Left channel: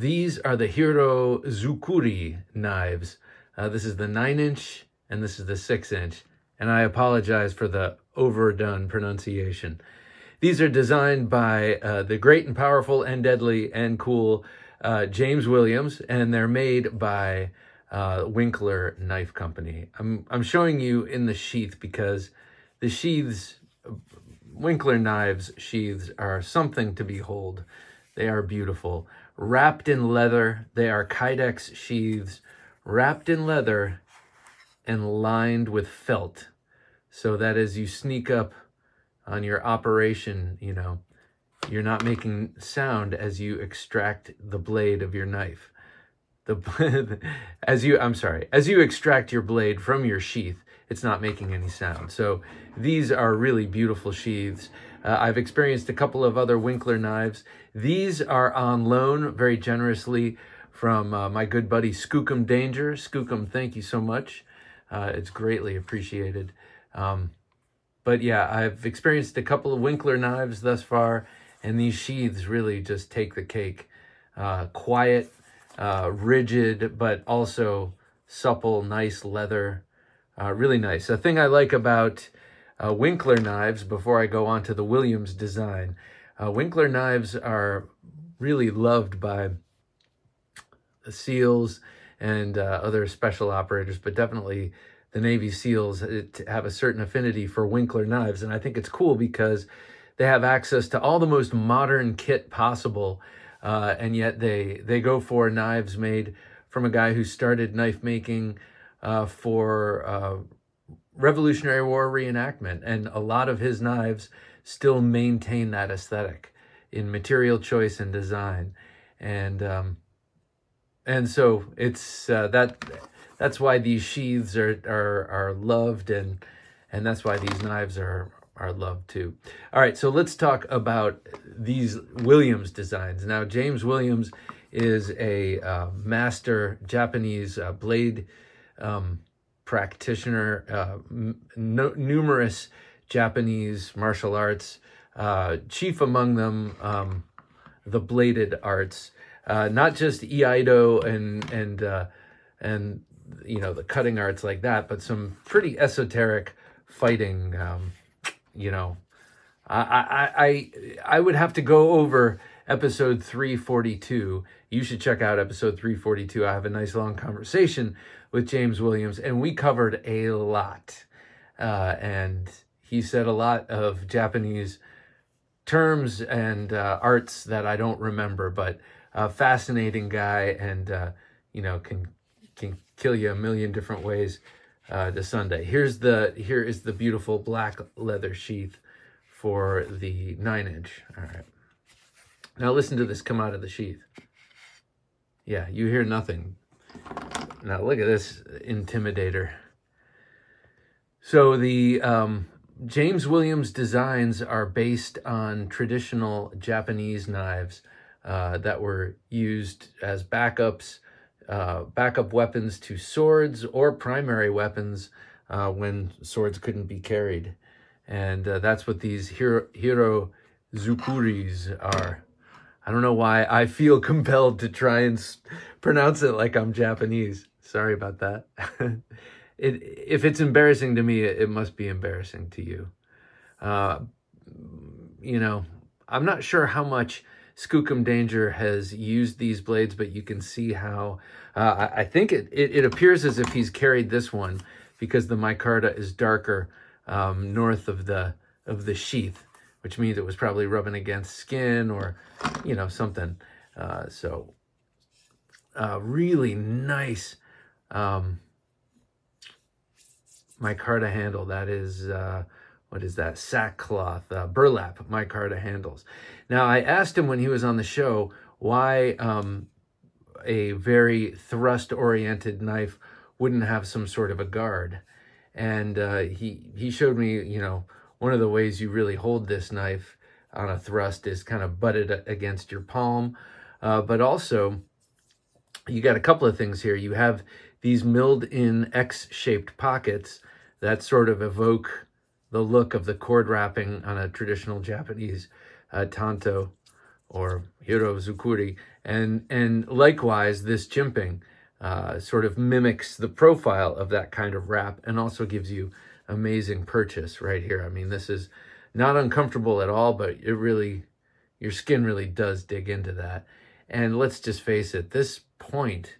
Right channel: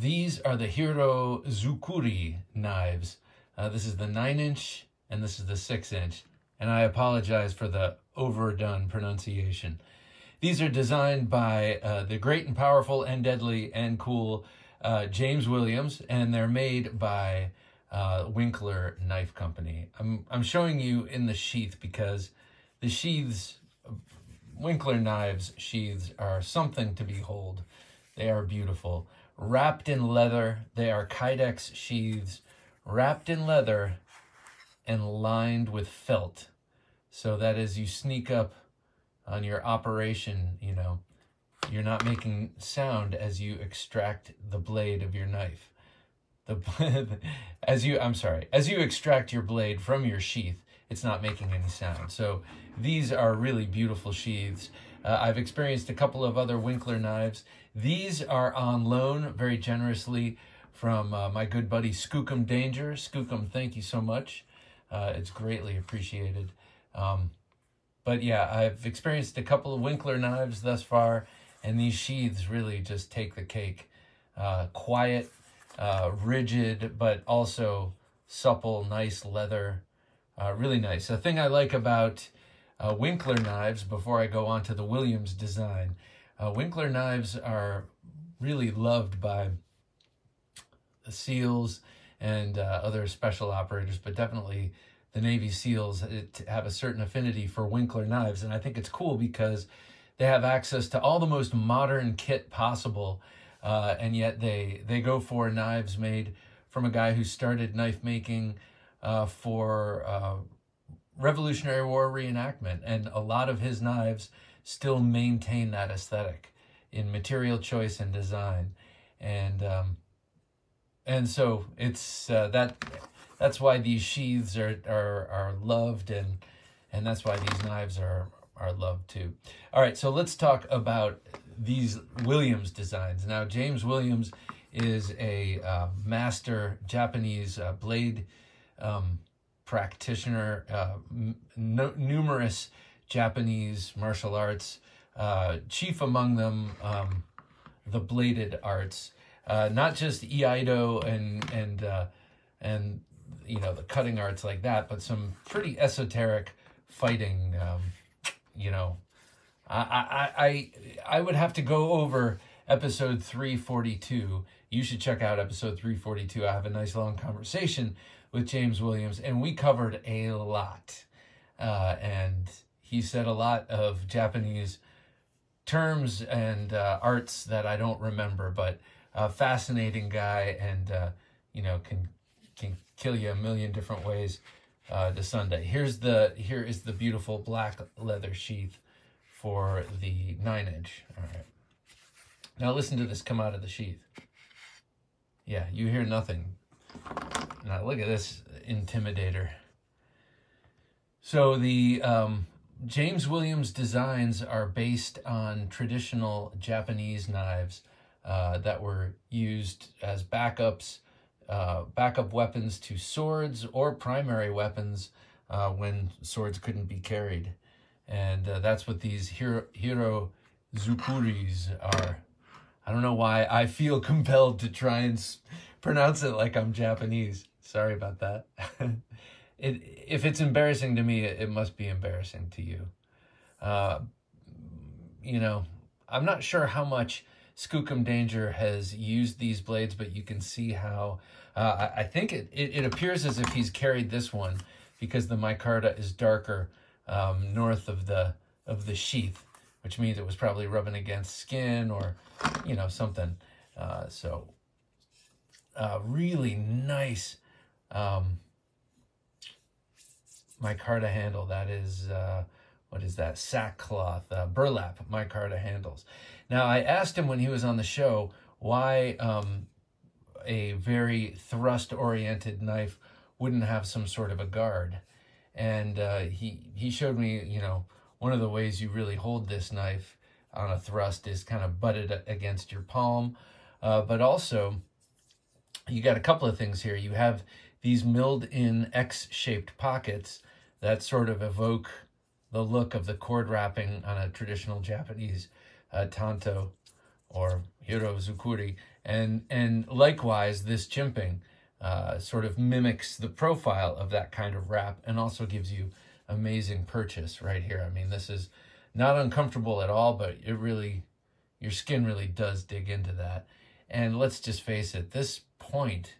These are the Hira Zukuri knives. This is the 9-inch and this is the 6-inch. And I apologize for the overdone pronunciation. These are designed by the great and powerful and deadly and cool James Williams, and they're made by Winkler Knife Company. I'm showing you in the sheath because the sheaths, Winkler Knives sheaths, are something to behold. They are beautiful. Wrapped in leather, they are Kydex sheaths, wrapped in leather and lined with felt. So that as you sneak up on your operation, you know, you're not making sound as you extract the blade of your knife. As you extract your blade from your sheath, it's not making any sound. So these are really beautiful sheaths. I've experienced a couple of other Winkler knives. These are on loan very generously from my good buddy Skookum Danger. Skookum, thank you so much. It's greatly appreciated. But yeah, I've experienced a couple of Winkler knives thus far, and these sheaths really just take the cake. Quiet, rigid, but also supple, nice leather. Really nice. The thing I like about Winkler knives, before I go on to the Williams design, Winkler knives are really loved by the SEALs and other special operators, but definitely the Navy SEALs have a certain affinity for Winkler knives. And I think it's cool because they have access to all the most modern kit possible, and yet they go for knives made from a guy who started knife making for Revolutionary War reenactment, and a lot of his knives still maintain that aesthetic in material choice and design, and so it's that's why these sheaths are loved, and that's why these knives are loved too. All right, so let's talk about these Williams designs. Now, James Williams is a master Japanese blade practitioner, numerous Japanese martial arts, chief among them the bladed arts, not just iaido and you know, the cutting arts like that, but some pretty esoteric fighting. You know, I would have to go over episode 342. You should check out episode 342. I have a nice long conversation with James Williams, and we covered a lot. And he said a lot of Japanese terms and arts that I don't remember, but a fascinating guy, and you know, can kill you a million different ways to Sunday. Here is the beautiful black leather sheath for the 9-inch. All right. Now listen to this come out of the sheath. Yeah, you hear nothing. Now look at this intimidator. So the James Williams designs are based on traditional Japanese knives that were used as backup weapons to swords or primary weapons when swords couldn't be carried. And that's what these Hira Zukuris are. I don't know why I feel compelled to try and pronounce it like I'm Japanese. Sorry about that. If it's embarrassing to me, it must be embarrassing to you. You know, I'm not sure how much Skookum Danger has used these blades, but you can see how I think it appears as if he's carried this one because the micarta is darker north of the sheath, which means it was probably rubbing against skin or, you know, something. So really nice micarta handle. That is, what is that? Sackcloth, burlap micarta handles. Now, I asked him when he was on the show why a very thrust-oriented knife wouldn't have some sort of a guard. And he showed me, you know, one of the ways you really hold this knife on a thrust is kind of butted against your palm. But also, you got a couple of things here. You have these milled-in X-shaped pockets that sort of evoke the look of the cord wrapping on a traditional Japanese tanto or Hira Zukuri. And likewise, this jimping sort of mimics the profile of that kind of wrap and also gives you amazing purchase right here. I mean, this is not uncomfortable at all, but it really, your skin really does dig into that. And let's just face it, this point,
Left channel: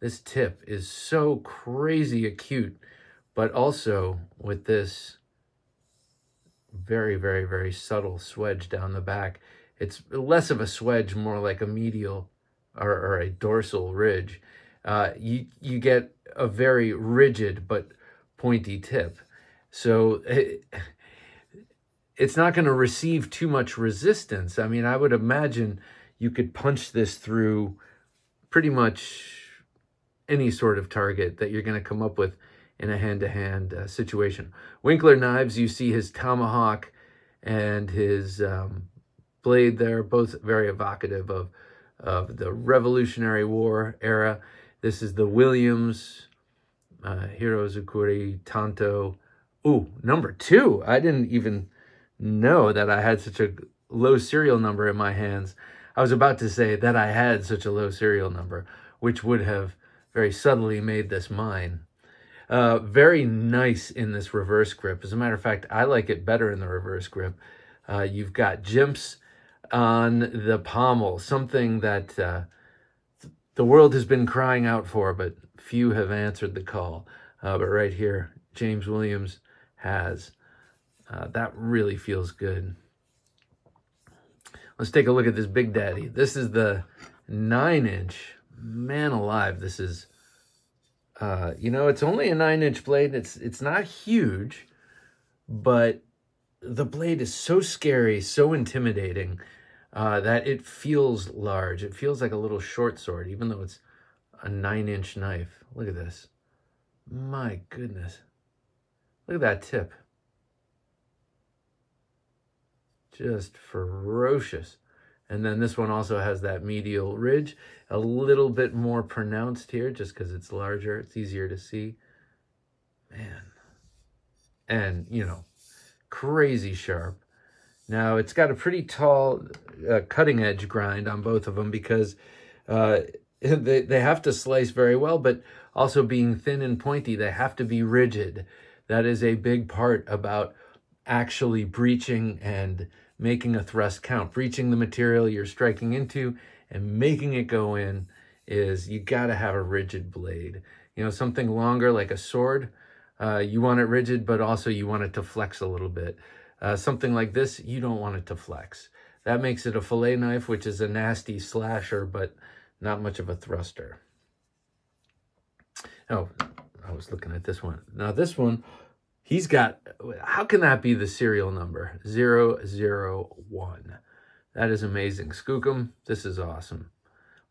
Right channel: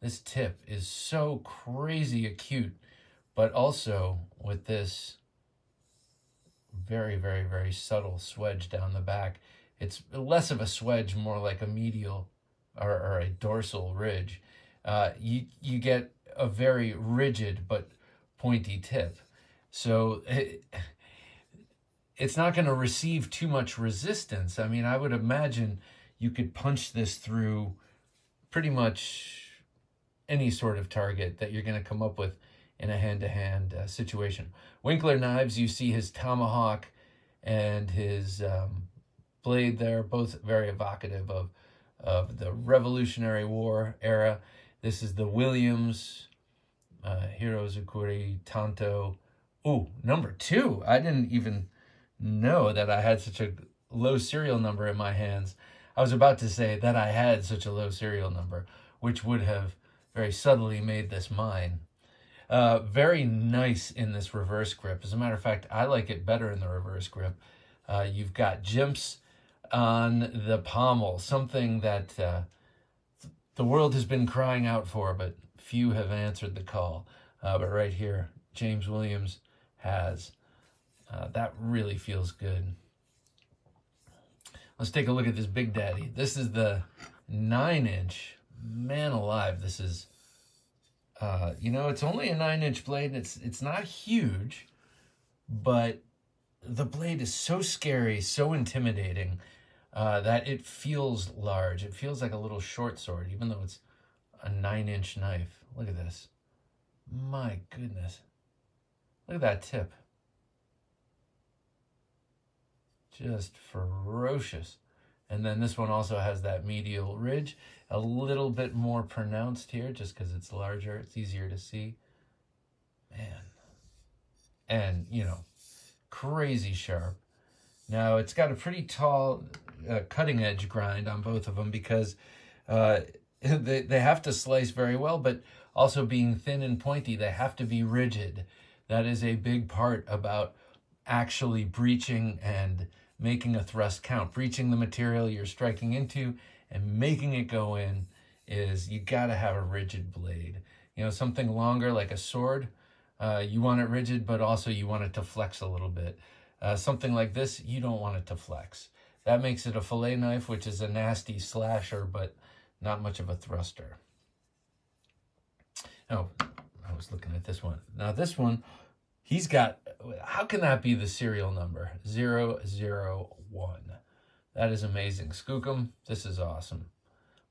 this tip is so crazy acute, but also with this very, very, very subtle swedge down the back. It's less of a swedge, more like a medial or a dorsal ridge. You get a very rigid but pointy tip. So it's not going to receive too much resistance. I mean, I would imagine you could punch this through pretty much any sort of target that you're going to come up with in a hand-to-hand situation. Winkler Knives, you see his tomahawk and his blade there, both very evocative of the Revolutionary War era. This is the Williams, Hira Zukuri, Tanto. Ooh, number 2. I didn't even know that I had such a low serial number in my hands. I was about to say that I had such a low serial number, which would have very subtly made this mine. Very nice in this reverse grip. As a matter of fact, I like it better in the reverse grip. You've got jimps on the pommel, something that the world has been crying out for, but few have answered the call. But right here, James Williams has. That really feels good. Let's take a look at this Big Daddy. This is the 9-inch. Man alive, this is, you know, it's only a 9-inch blade. It's not huge, but the blade is so scary, so intimidating, that it feels large. It feels like a little short sword, even though it's a 9-inch knife. Look at this. My goodness. Look at that tip. Just ferocious. And then this one also has that medial ridge, a little bit more pronounced here just because it's larger. It's easier to see. Man. And, you know, crazy sharp. Now, it's got a pretty tall cutting edge grind on both of them because they have to slice very well, but also being thin and pointy, they have to be rigid. That is a big part about actually breaching and making a thrust count. Breaching the material you're striking into and making it go in is, you got to have a rigid blade. You know, something longer like a sword, you want it rigid, but also you want it to flex a little bit. Something like this, you don't want it to flex. That makes it a fillet knife, which is a nasty slasher, but not much of a thruster. Oh, I was looking at this one. Now this one, he's got, how can that be the serial number? 001. That is amazing. Skookum, this is awesome.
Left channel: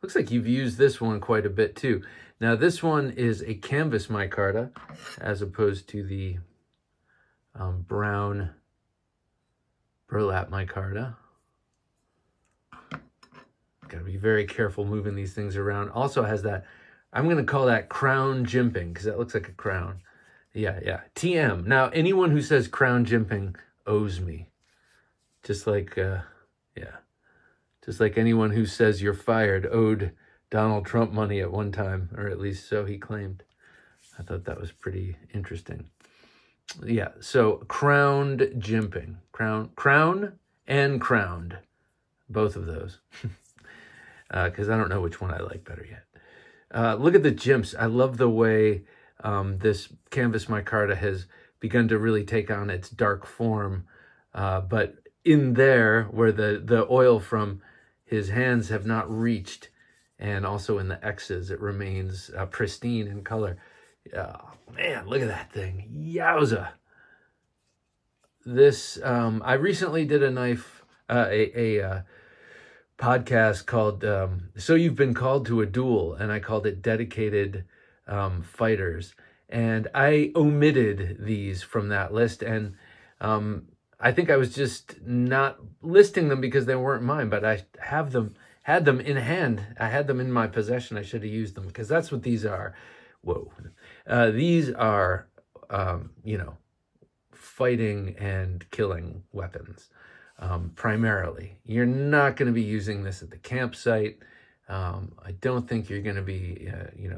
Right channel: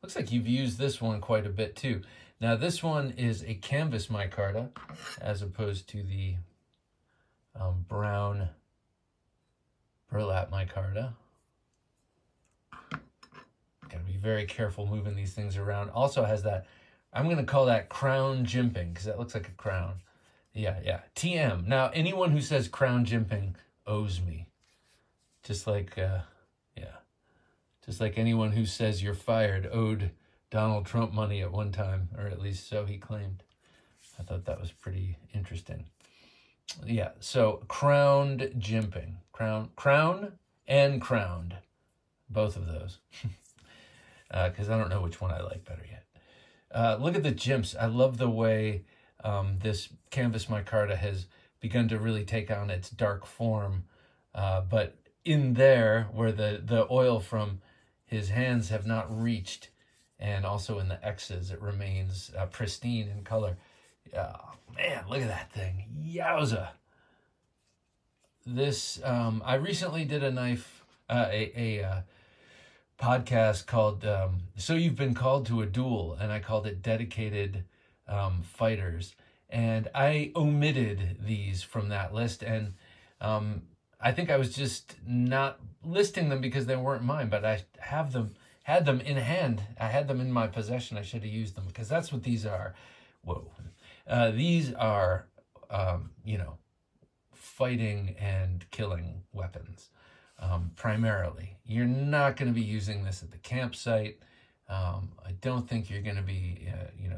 Looks like you've used this one quite a bit too. Now this one is a canvas micarta as opposed to the brown burlap micarta. Got to be very careful moving these things around. Also has that, I'm going to call that crown jimping because that looks like a crown. Yeah. TM. Now, anyone who says crown jimping owes me. Just like, just like anyone who says you're fired owed Donald Trump money at one time, or at least so he claimed. I thought that was pretty interesting. Yeah, so crowned jimping. Crown and crowned. Both of those. Because I don't know which one I like better yet. Look at the jimps. I love the way this canvas micarta has begun to really take on its dark form. But in there, where the oil from his hands have not reached, and also in the X's, it remains pristine in color. Man, look at that thing. Yowza. This, I recently did a knife, a podcast called So You've Been Called to a Duel, and I called it Dedicated Fighters. And I omitted these from that list, and I think I was just not listing them because they weren't mine, but I had them in hand. I had them in my possession. I should have used them because that's what these are. Whoa. These are, you know, fighting and killing weapons. primarily. You're not going to be using this at the campsite. I don't think you're going to be,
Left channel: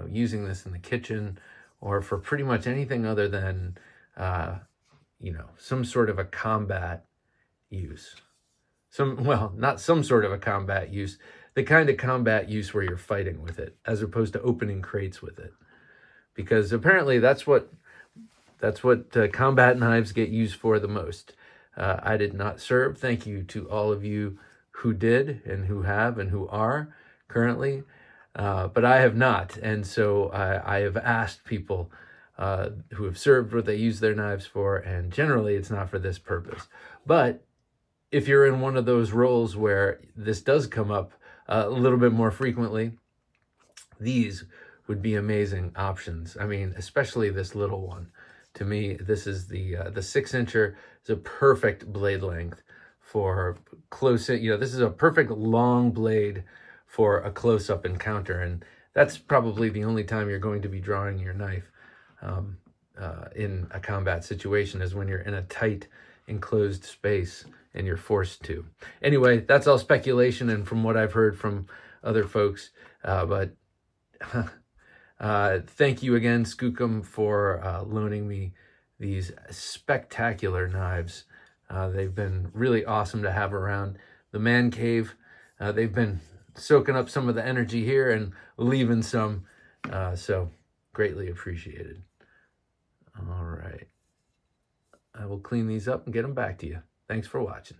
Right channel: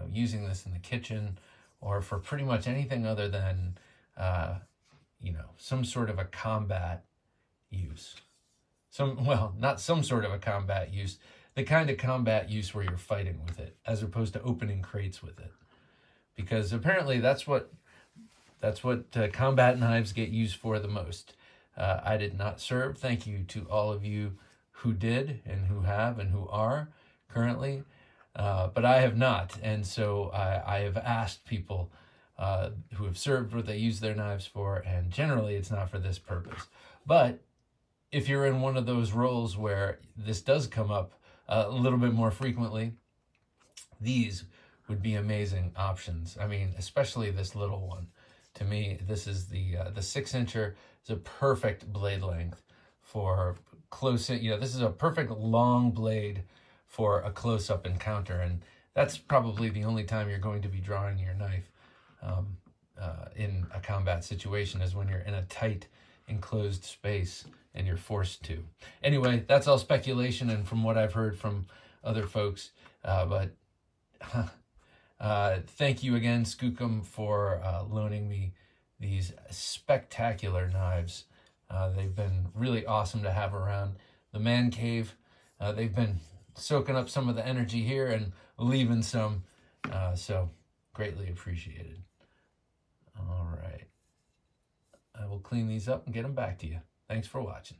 using this in the kitchen or for pretty much anything other than, some sort of a combat use. Not some sort of a combat use, the kind of combat use where you're fighting with it, as opposed to opening crates with it. Because apparently that's what combat knives get used for the most. I did not serve. Thank you to all of you who did and who have and who are currently, but I have not. And so I have asked people who have served what they use their knives for, and generally it's not for this purpose. But if you're in one of those roles where this does come up a little bit more frequently, these would be amazing options. I mean, especially this little one. To me, this is the 6-incher is a perfect blade length for close. This is a perfect long blade for a close-up encounter, and that's probably the only time you're going to be drawing your knife in a combat situation, is when you're in a tight, enclosed space and you're forced to. Anyway, that's all speculation and from what I've heard from other folks, but thank you again, Skookum, for loaning me these spectacular knives. They've been really awesome to have around the man cave. They've been soaking up some of the energy here and leaving some, so greatly appreciated. All right. I will clean these up and get them back to you. Thanks for watching.